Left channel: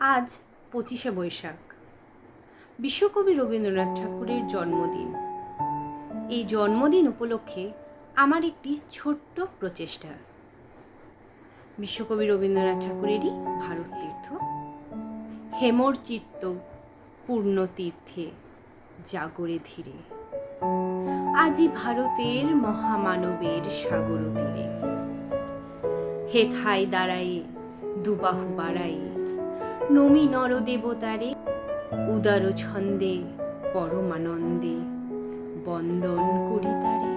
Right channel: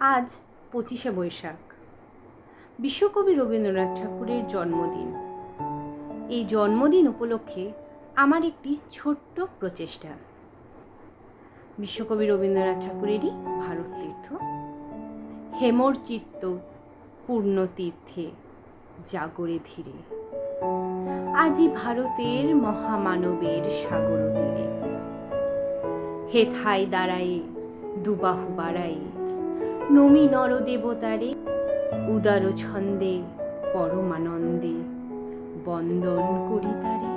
আজ 25শে বৈশাখ, বিশ্বকবি রবীন্দ্রনাথ ঠাকুরের জন্মদিন। এই জন্মদিন উপলক্ষে আমার একটি ছোট্ট প্রচেষ্টা। বিশ্বকবি রবীন্দ্রনাথ ঠাকুরেরই ভারত তীর্থ, হেমর চিত্ত পূর্ণ তীর্থে জাগরে ধীরে, আজি ভারতের মহামানবের সাগর তীরে। হেথায় দাঁড়ায়ে দুবাহু বাড়ায়ে, নমি নর দেবতারে, উদার ছন্দে পরমানন্দে বন্দন করি তারে।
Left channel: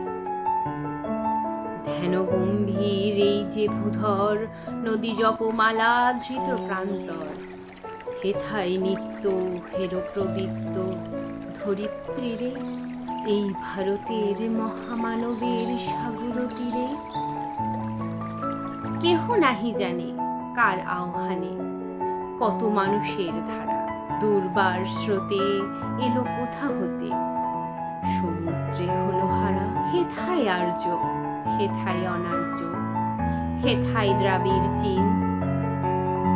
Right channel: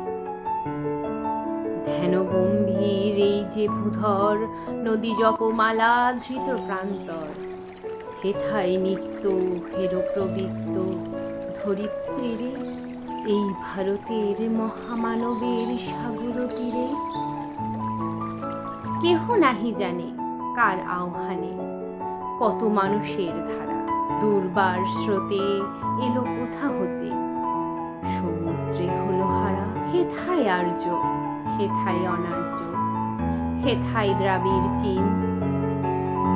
ধ্যান গম্ভীর এই যে ভূধর, নদী জপমালা ধৃত প্রান্তর, হেথায় নিত্য হের প্রবৃত্ত ধরিত্রীরে, এই ভারতের মহামানবের সাগর তীরে। কেহ নাহি জানে কার আহ্বানে কত মানুষের ধারা, দুর্বার স্রোতে এলো কোথা হতে, সমুদ্রে হলো হারা। হেথায় আর্য, হেথায় অনার্য, হেথায় দ্রাবিড় চীন,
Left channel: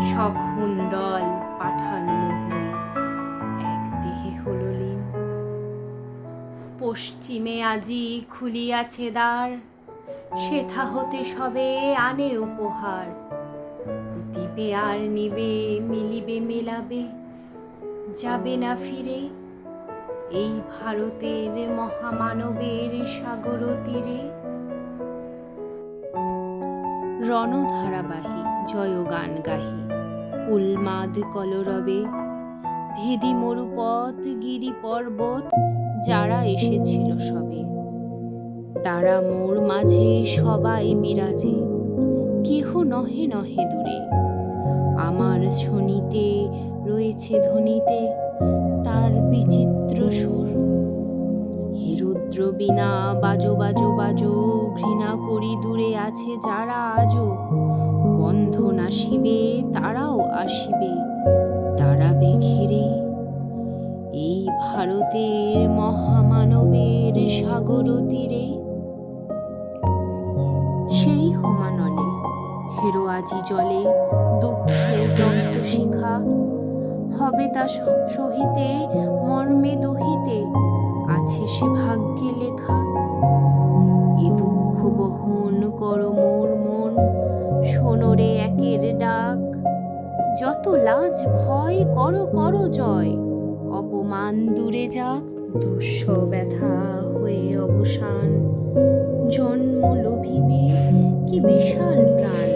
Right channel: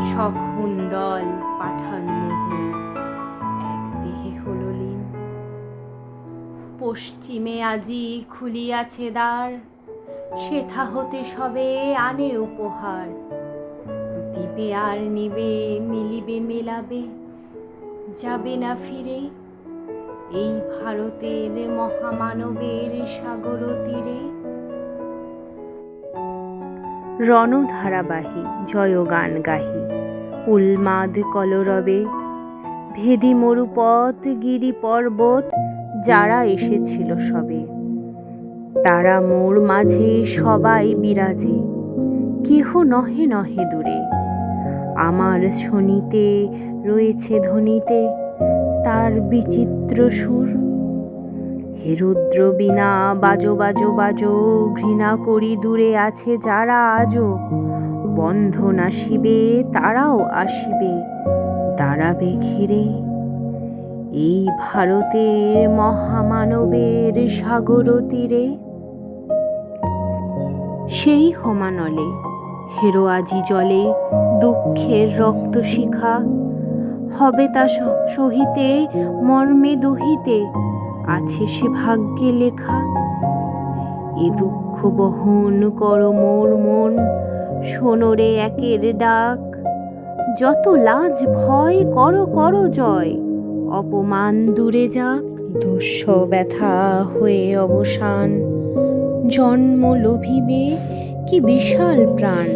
সখুন দল পাঠান মোহন এক দেহে হলো লীন। পশ্চিমে আজি খুলিয়াছে দ্বার, সেথা হতে সবে আনে উপহার, দিবে আর নিবে মিলিবে মেলাবে, যাবে না ফিরে, এই ভারতের মহামানবের সাগর তীরে। রণধারাবাহী জয়গান গাহি, উন্মাদ কলরবে, ভেদি মরুপথ গিরি পর্বত যারা এসেছিল সবে, তারা মোর মাঝে সবাই বিরাজে, কেহ নহে নহে দূরে। আমার শনিতে রয়েছে ধ্বনিতে তার বিচিত্র সুর, হে রুদ্র বীণা বাজো বাজো বাজো, ঘৃণা করি দূরে আছে যারা আজো, বন্ধন আসিবে তারাও আসিবে, দাঁড়াবে ঘিরে, এই ভারতের মহামানবের সাগর তীরে। সেই হোমানলে হেরো আজি জলে দুঃখের রক্ত শিখা, হবে তা সহিতে মর্মে দহিতে, আছে সে ভাগ্যে লেখা। এ দুঃখ বহন কর মোর মন, শোনরে একের ডাক, যত লাজ ভয় করো করো জয়, অপমান দূরে যাক। দুঃস ব্যথা হয়ে অবসান, জন্ম লোভিবে কি বিশাল প্রাণ,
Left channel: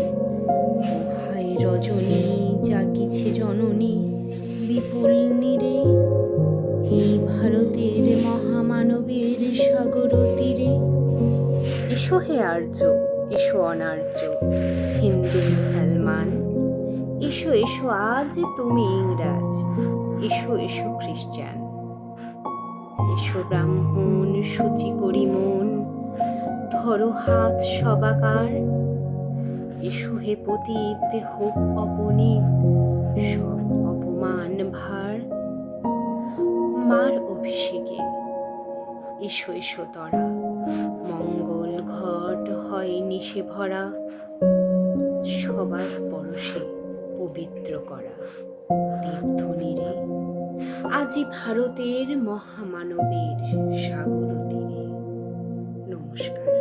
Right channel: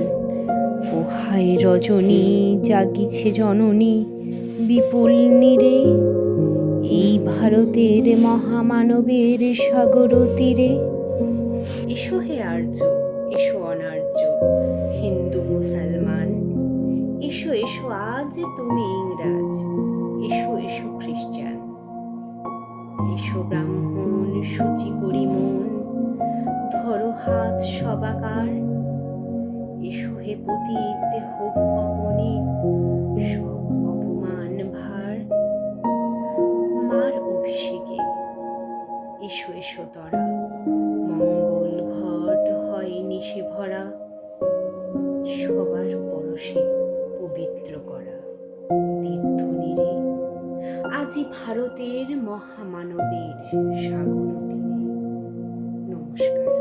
ওহায় রজনী জাগিছে জননী বিপুল নীরে, এই ভারতের মহামানবের সাগর তীরে। এসো হে আর্য, এসো অনার্য, হিন্দু মুসলমান, এসো এসো আজ তুমি ইংরাজ, এসো এসো খ্রিস্টান, এসো ব্রাহ্মণ শুচি করি মন, ধরো হাত সবাকার, এসো হে পতিত হোক অপনীত সব অপমান ভার। মার অভিষেকে এসো এসো তরা, মঙ্গল ঘট হয় নিশে ভরা, সবার পরশে পবিত্র করা তীর্থ নীরে, আজি ভারতের মহামানবের সাগর তীরে। নমস্কার।